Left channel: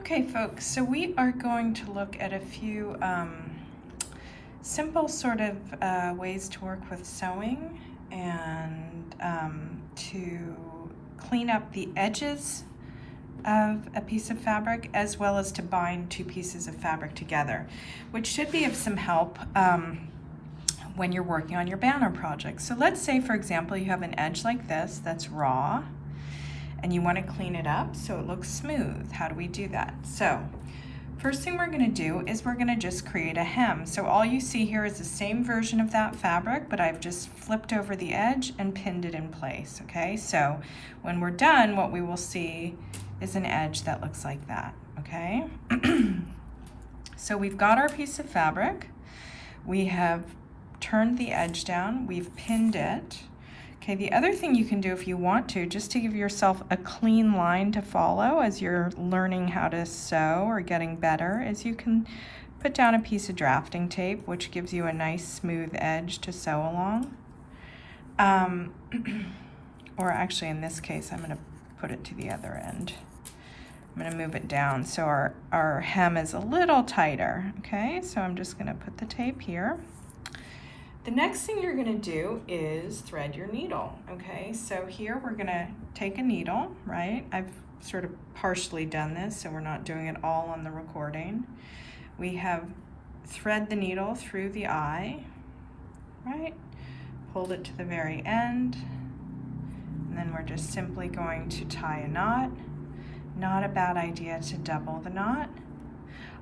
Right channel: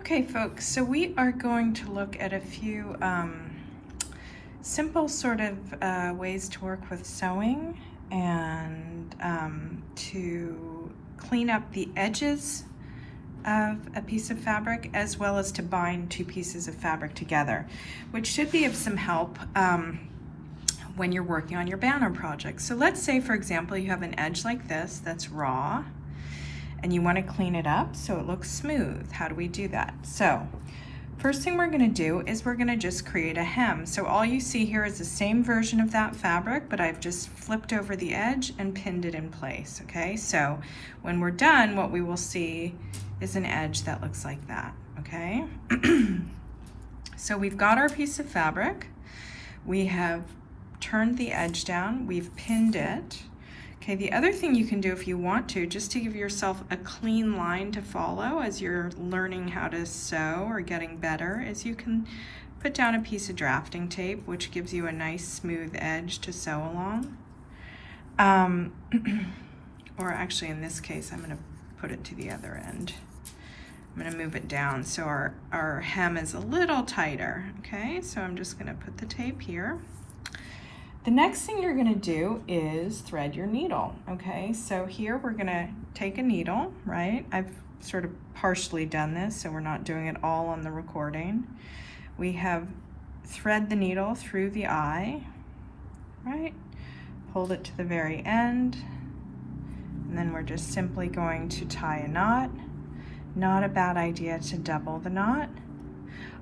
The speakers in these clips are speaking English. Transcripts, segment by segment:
Okay, folks, so we are going to look at a few simple sort of ways to work with sewing and to clean up the edges of a piece of fabric, as well as to bind two pieces of fabric together, which should be of some help when you're working on your banner project. So let's say, for example, you have an edge like this that's raw and you want to clean it up so it looks smooth. How do we do that? So first thing we're going to do is we're going to just create a hem. So all you see here is the same version of that fabric, but I've just flipped over the edge and pinned it in place. Okay, so when we're done, what we will see is an edge that looks like that. Okay, so we've got our piece of fabric, we have turned the edge down, we've pinned it. Okay, the other thing you can do if you want to, just to give yourself a clean line to follow as you're learning how to sew or getting better, is you can put down a piece of drafting tape, which gives you a nice smooth edge to sew along. Or actually, in this case, I'm going to put it to the other end. I'm going to move it down so our hem is a little tighter. Okay, so I'm just going to put the tape here. The next thing you're going to do is thread your needle. Okay, so here we're going to take a needle, right? I've sort of partially done this, so we're not doing it all on the recording. We have thread the needle through the eye, right? Hold it to the very end, and then we're just simply going to tie a knot. Not a bad idea to double the knot.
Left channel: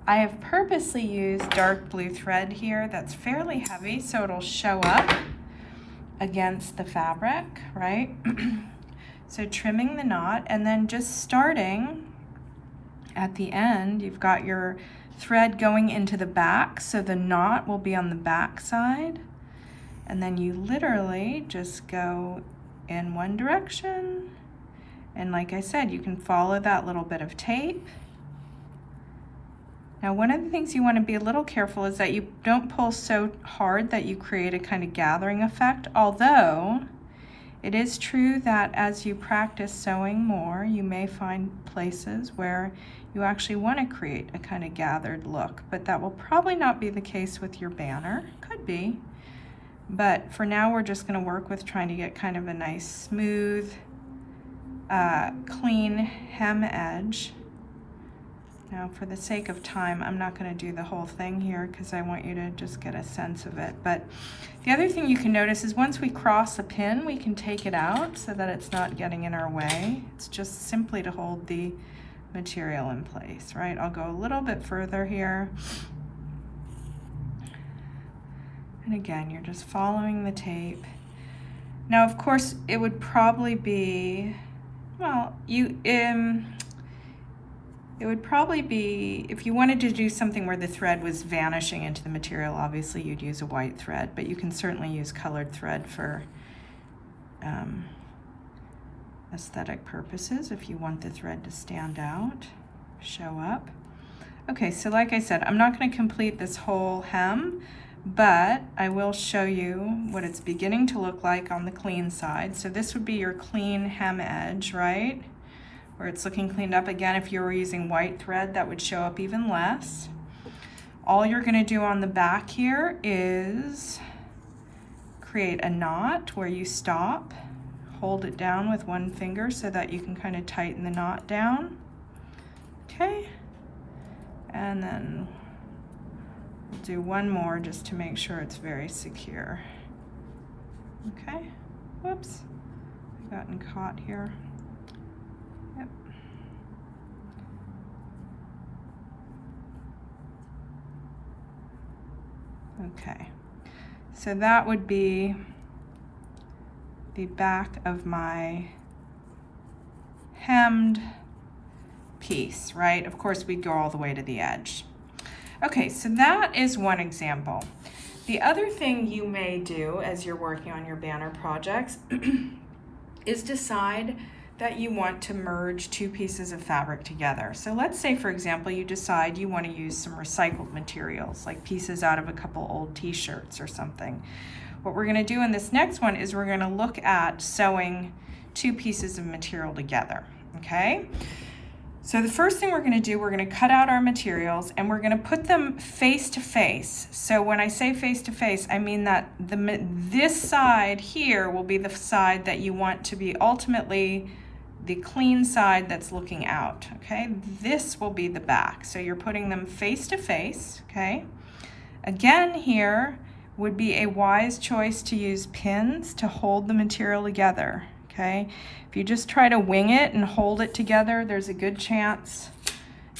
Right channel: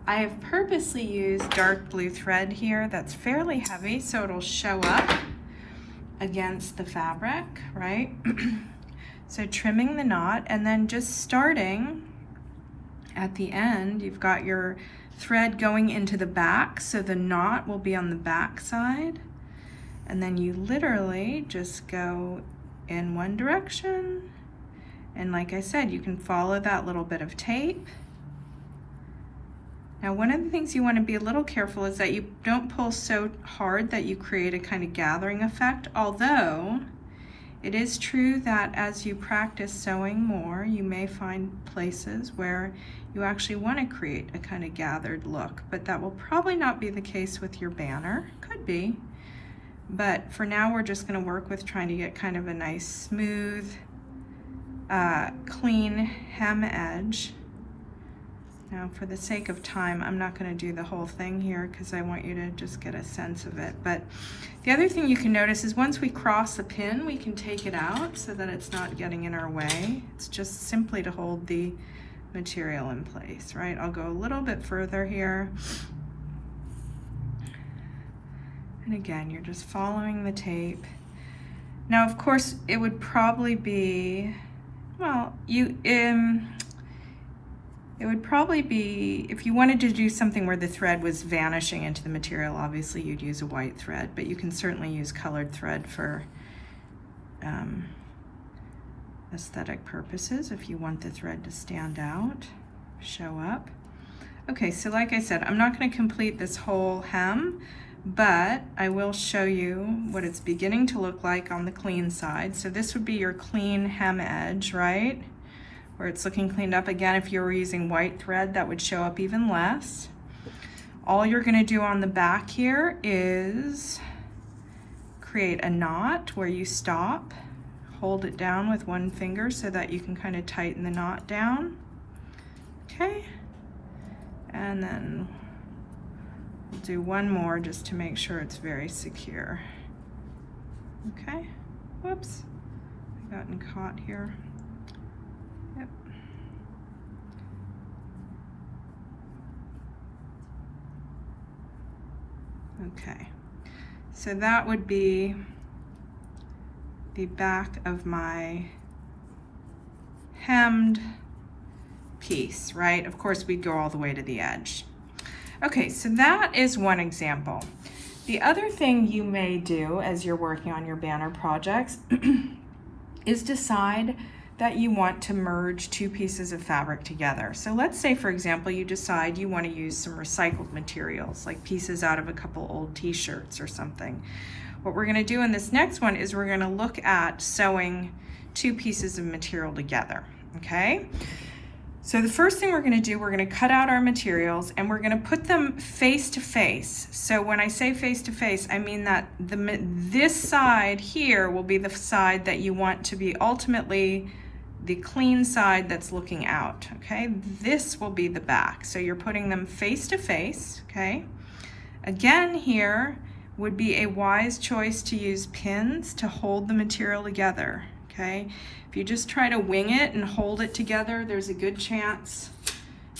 I have purposely used dark blue thread here that's fairly heavy, so it'll show up against the fabric, right? So trimming the knot, and then just starting at the end, you've got your thread going into the back, so the knot will be on the back side, and then you literally just go in one direction, and like I said, you can follow that little bit of tape. Now, one of the things you want to be a little careful is that you don't pull so hard that you create a kind of gathering effect, although it is true that as you practice sewing more, you may find places where you actually want to create a kind of gathered look, but that will probably not be the case with your banner. Could be, but for now we're just going to work with trying to get kind of a nice smooth, clean hem edge. Now, for the sake of time, I'm not going to do the whole thing here because I want you to just get a sense of it. But the other thing you can notice is once we cross a pin, we can take it out so that it's not getting in our way. It's just simply to hold the material in place, right? I'll go a little bit further here. And again, you're just following the tape. Now, of course, it would probably be, well, it would probably be, if you wanted to do something where the thread was vanishing into the material, obviously you'd use a white thread, but you can certainly use colored thread for aesthetic purposes if you want the thread to stand out, show up. Okay, so like I said, I'm not going to complete this whole hem, but I will show you what it's beginning to look like on the clean side. So this would be your clean hem edge, right? Where it's looking cleaned up. Again, if you were using white thread, that would show up even less. All you're going to do on the back here is create a knot where you stop, hold it down with one finger so that you can kind of tighten the knot down. Okay, and then we'll do one more just to make sure it's very secure. Okay, whoops, I've gotten caught here. Yep. Okay, so that would be the back of my hemmed piece, right? Of course, we'd go all the way to the edge. Okay, so that is one example. The other thing you may do as you're working on your banner projects is decide that you want to merge two pieces of fabric together. So let's say, for example, you decide you want to use some recycled materials, like pieces out of a couple old t-shirts or something. What we're going to do in this next one is we're going to look at sewing two pieces of material together, okay? So the first thing we're going to do, we're going to cut out our materials and we're going to put them face to face. So when I say face to face, I mean that this side here will be the side that you want to be ultimately the clean side that's looking out, okay? This will be the back. So you're putting them face to face, okay? Again, here would be a wise choice to use pins to hold the material together, okay? If you just try to wing it and hold it together, there's a good chance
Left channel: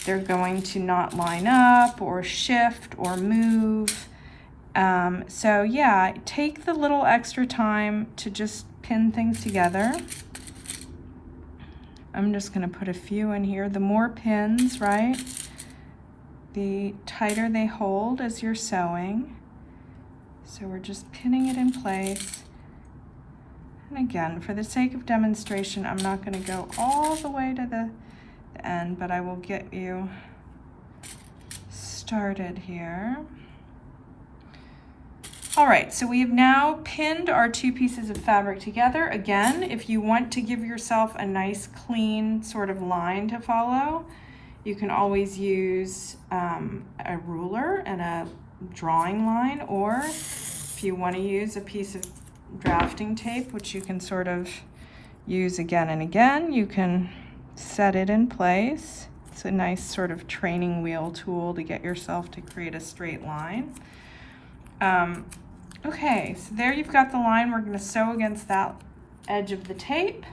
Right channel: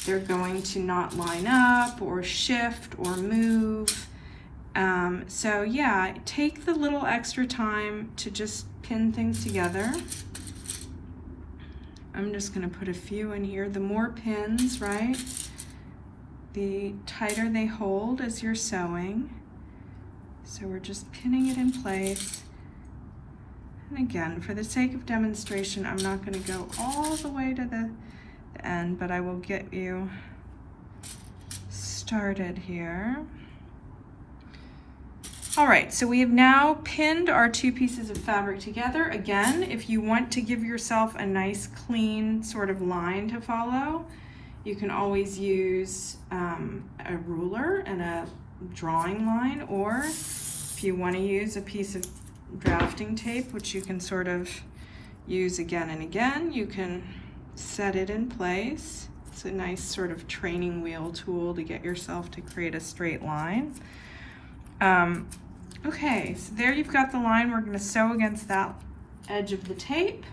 they're going to not line up or shift or move. So yeah, take the little extra time to just pin things together. I'm just gonna put a few in here. The more pins, right, the tighter they hold as you're sewing. So we're just pinning it in place. And again, for the sake of demonstration, I'm not going to go all the way to the end, but I will get you started here. All right, so we have now pinned our two pieces of fabric together. Again, if you want to give yourself a nice clean sort of line to follow, you can always use a ruler and a drawing line, or if you want to use a piece of drafting tape, which you can sort of use again and again, you can set it in place. It's a nice sort of training wheel tool to get yourself to create a straight line. Okay, so there you've got the line. We're going to sew against that edge of the tape.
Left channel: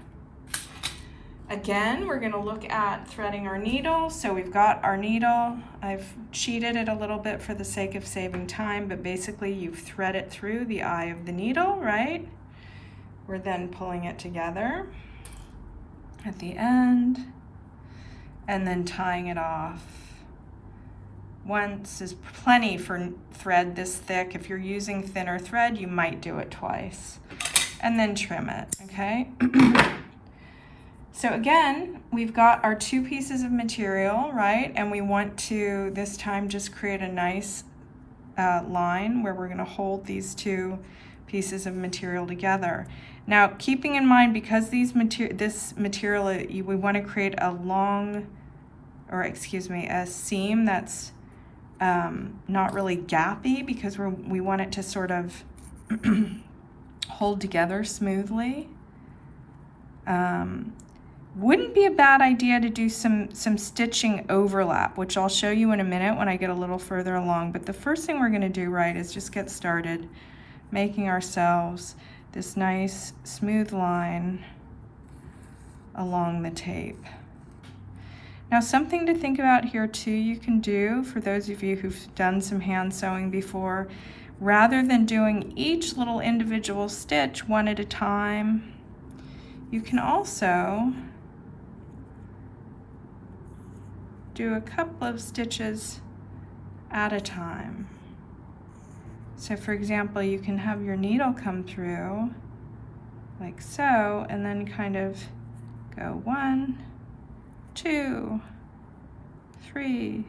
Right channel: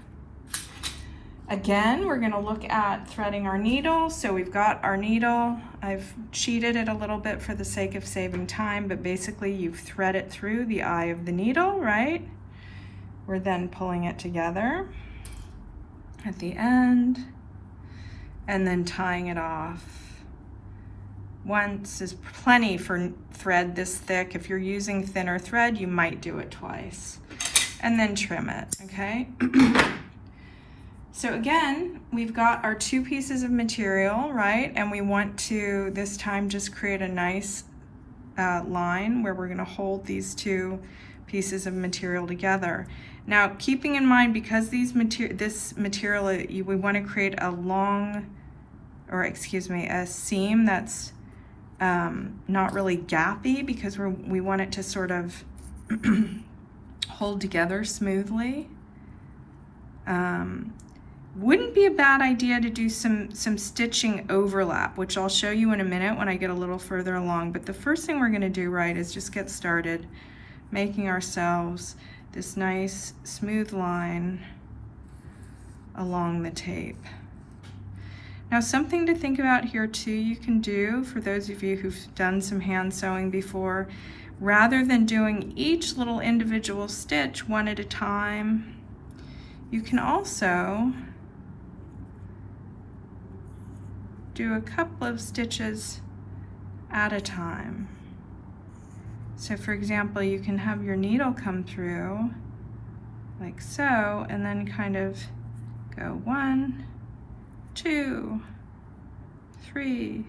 Again, we're going to look at threading our needle. So we've got our needle. I've cheated it a little bit for the sake of saving time, but basically you thread it through the eye of the needle, right? We're then pulling it together at the end and then tying it off. Once is plenty for thread this thick. If you're using thinner thread, you might do it twice. And then trim it, okay? So again, we've got our two pieces of material, right? And we want to, this time, just create a nice line where we're gonna hold these two pieces of material together. Now, keeping in mind, because this material, we wanna create a a seam that's not really gappy, because we want it to sort of hold together smoothly. Wouldn't be a bad idea to do some stitching overlap, which I'll show you in a minute when I get a little further along. But the first thing we're going to do, right, is just get started making ourselves this nice smooth line along the tape. Now, something to think about here too, you can do, for those of you who've done some hand sewing before, rather than doing each little individual stitch one at a time, you can also do a couple of stitches at a time. So for example, you can have your needle come through like so, and then kind of go 1, 2, 3,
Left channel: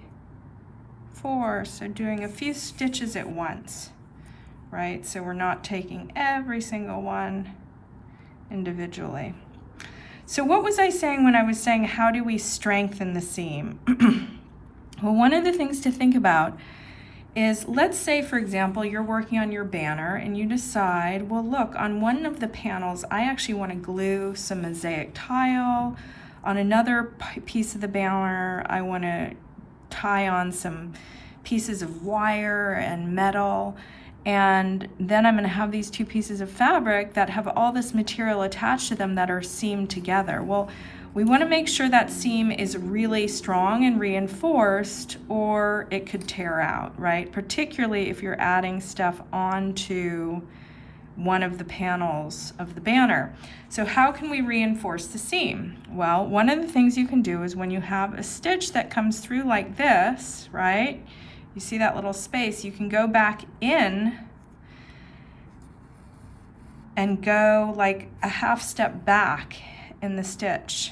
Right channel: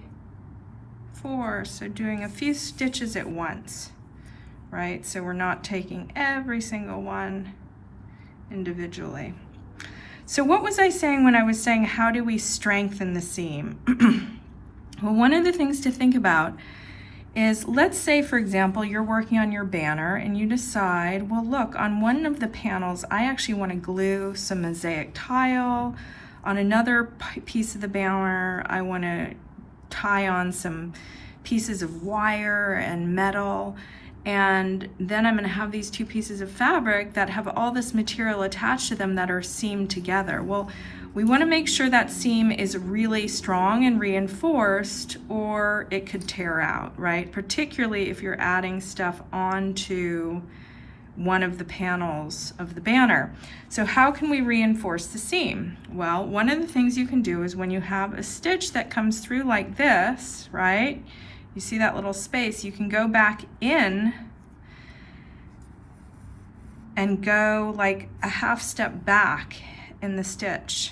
4. So doing a few stitches at once, right? So we're not taking every single one individually. So what was I saying when I was saying how do we strengthen the seam? Well, one of the things to think about is, let's say, for example, you're working on your banner and you decide, well, look, on one of the panels, I actually want to glue some mosaic tile. On another piece of the banner, I want to tie on some pieces of wire and metal. And then I'm going to have these two pieces of fabric that have all this material attached to them that are seamed together. Well, we want to make sure that seam is really strong and reinforced, or it could tear out, right? Particularly if you're adding stuff onto one of the panels of the banner. So how can we reinforce the seam? Well, one of the things you can do is when you have a stitch that comes through like this, right? You see that little space, you can go back in and go like a half step back in the stitch.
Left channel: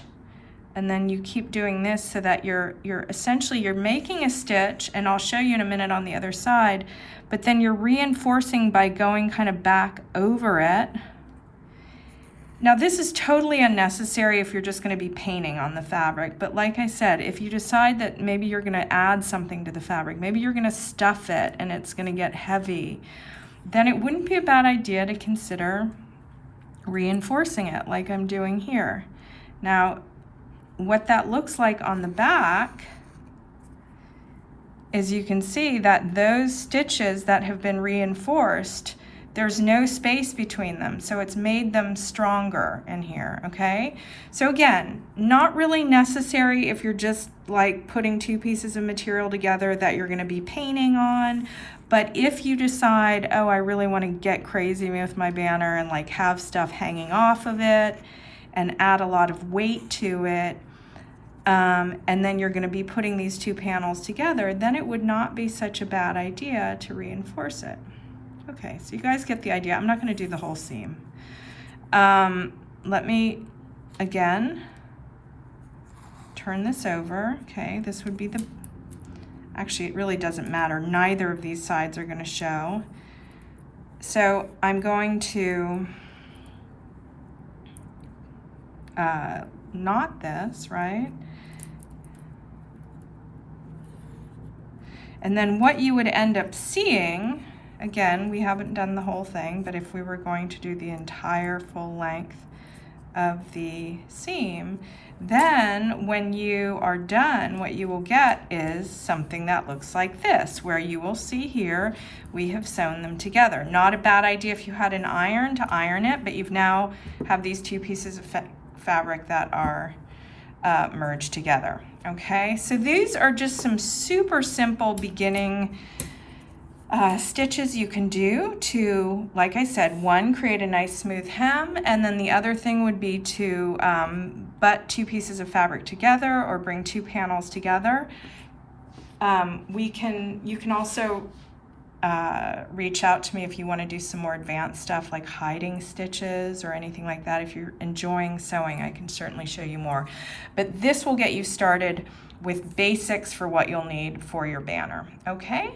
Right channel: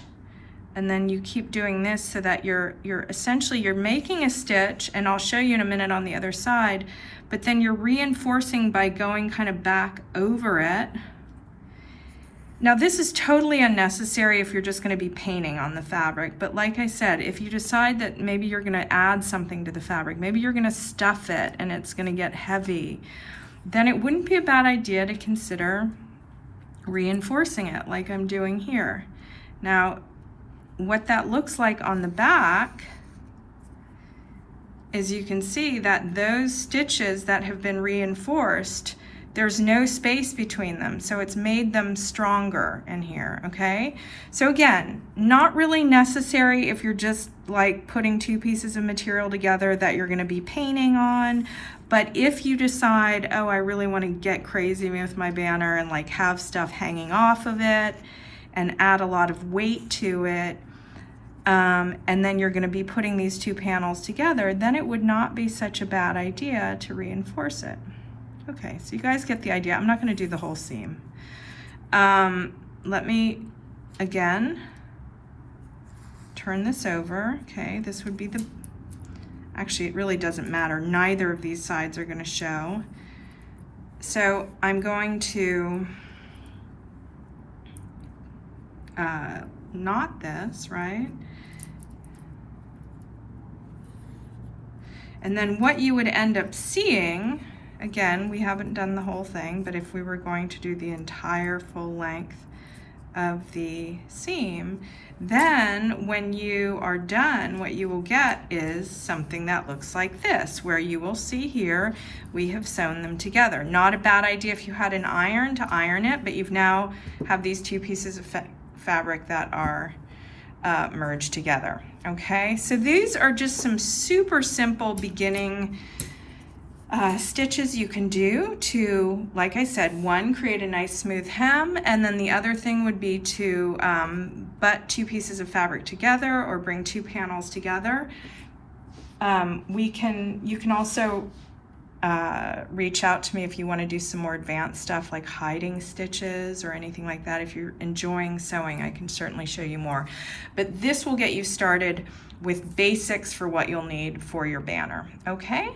And then you keep doing this so that you're essentially making a stitch, and I'll show you in a minute on the other side, but then you're reinforcing by going kind of back over it. Now this is totally unnecessary if you're just going to be painting on the fabric, but like I said, if you decide that maybe you're going to add something to the fabric, maybe you're going to stuff it and it's going to get heavy, then it wouldn't be a bad idea to consider reinforcing it like I'm doing here. Now, what that looks like on the back is you can see that those stitches that have been reinforced, there's no space between them, so it's made them stronger in here, okay? So again, not really necessary if you're just like putting two pieces of material together that you're gonna be painting on, but if you decide, oh, I really wanna get crazy with my banner and like have stuff hanging off of it and add a lot of weight to it, and then you're gonna be putting these two panels together, then it would not be such a bad idea to reinforce it. Okay, so you guys get the idea. I'm not going to do the whole seam. Let me, again, turn this over. Okay, this would be the, actually it really doesn't matter. Neither of these sides are going to show. So I'm going to knot this, right? And then what you would end up seeing, again, we haven't done the whole thing, but if we were going to do the entire full length of the seam, then when you are done, what you will get is something that looks like this, where you will see here, we have sewn them together. Not a bad idea if you had an iron to iron it, but you've now have these two pieces of fabric that are merged together. Okay, so these are just some super simple beginning stitches you can do to, like I said, one, create a nice smooth hem, and then the other thing would be to butt two pieces of fabric together or bring two panels together. You can also reach out to me if you want to do some more advanced stuff like hiding stitches or anything like that. If you're enjoying sewing, I can certainly show you more. But this will get you started with basics for what you'll need for your banner, okay?